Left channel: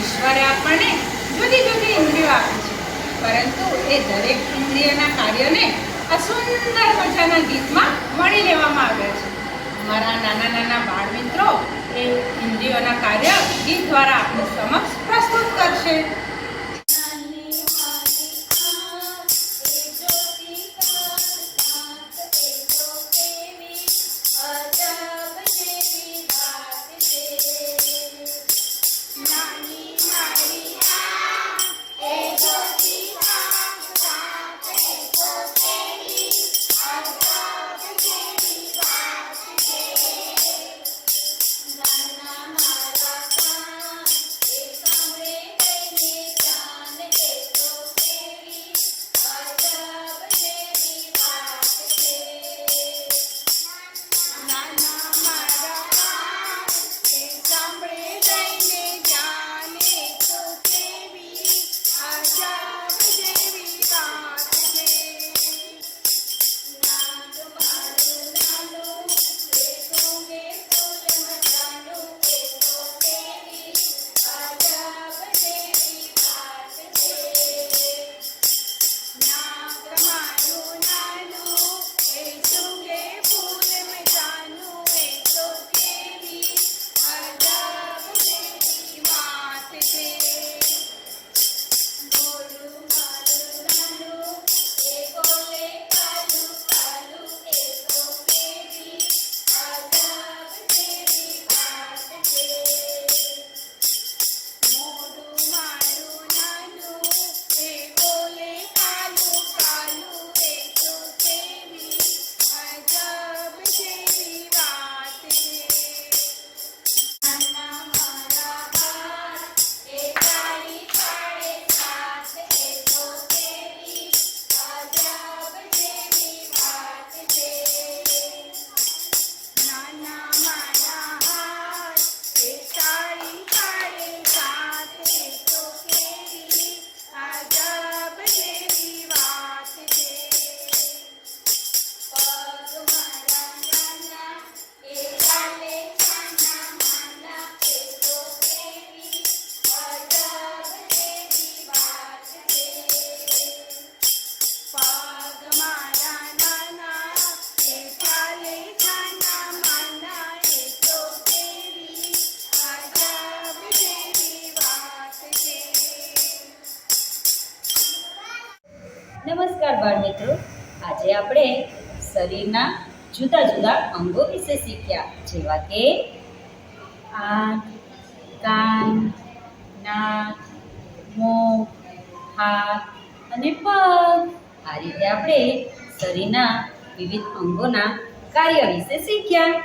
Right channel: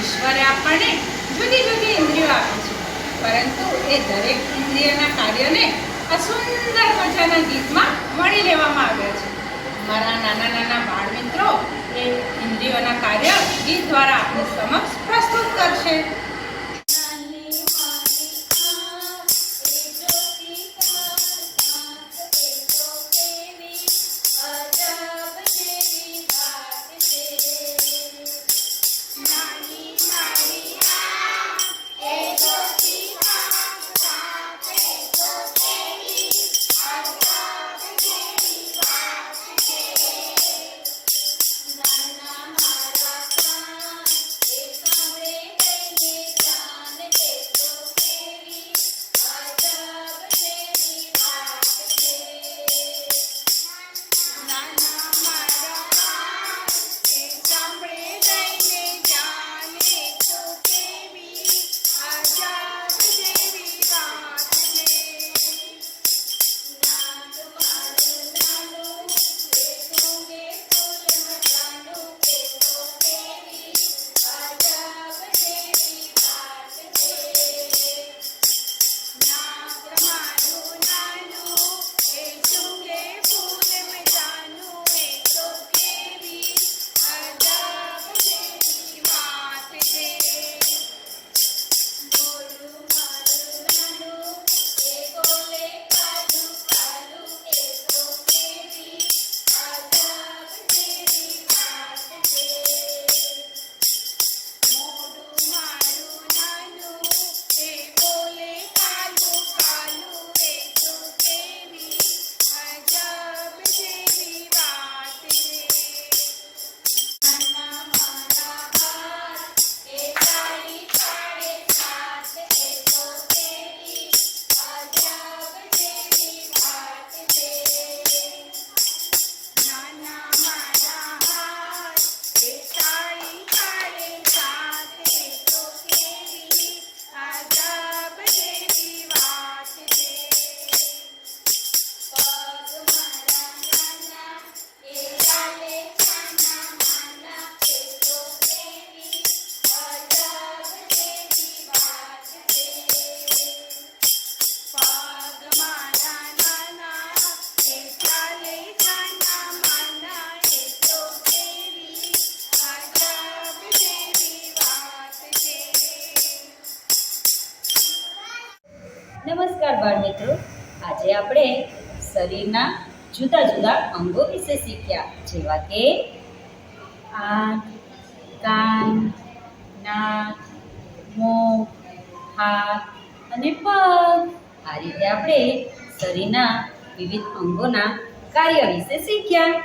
ઈશ્વરે આપણને જુદી જુદી ઇન્દ્રિયો આપી છે. પરંતુ એ દરેક ઇન્દ્રિયના કાર્યને આ સુંદર મજાના ગીતમાં મળી લેવામાં આવ્યા છે. અમારા નાના નાના બાળ મિત્રો એ ઇન્દ્રિયોના કાર્ય ગીત દ્વારા આપણી સમક્ષ પ્રસ્તુત કરશે. નમસ્કાર બાળ મિત્રો આજે આપણે શરીરના જુદા જુદા અંગો વિશે શીખ્યા. જેવા કે આંખ કાન નાક મોં હાથ અને પગ. આ રીતે આપણે શરીરના વિવિધ અંગોના કાર્ય વિશે શીખ્યા.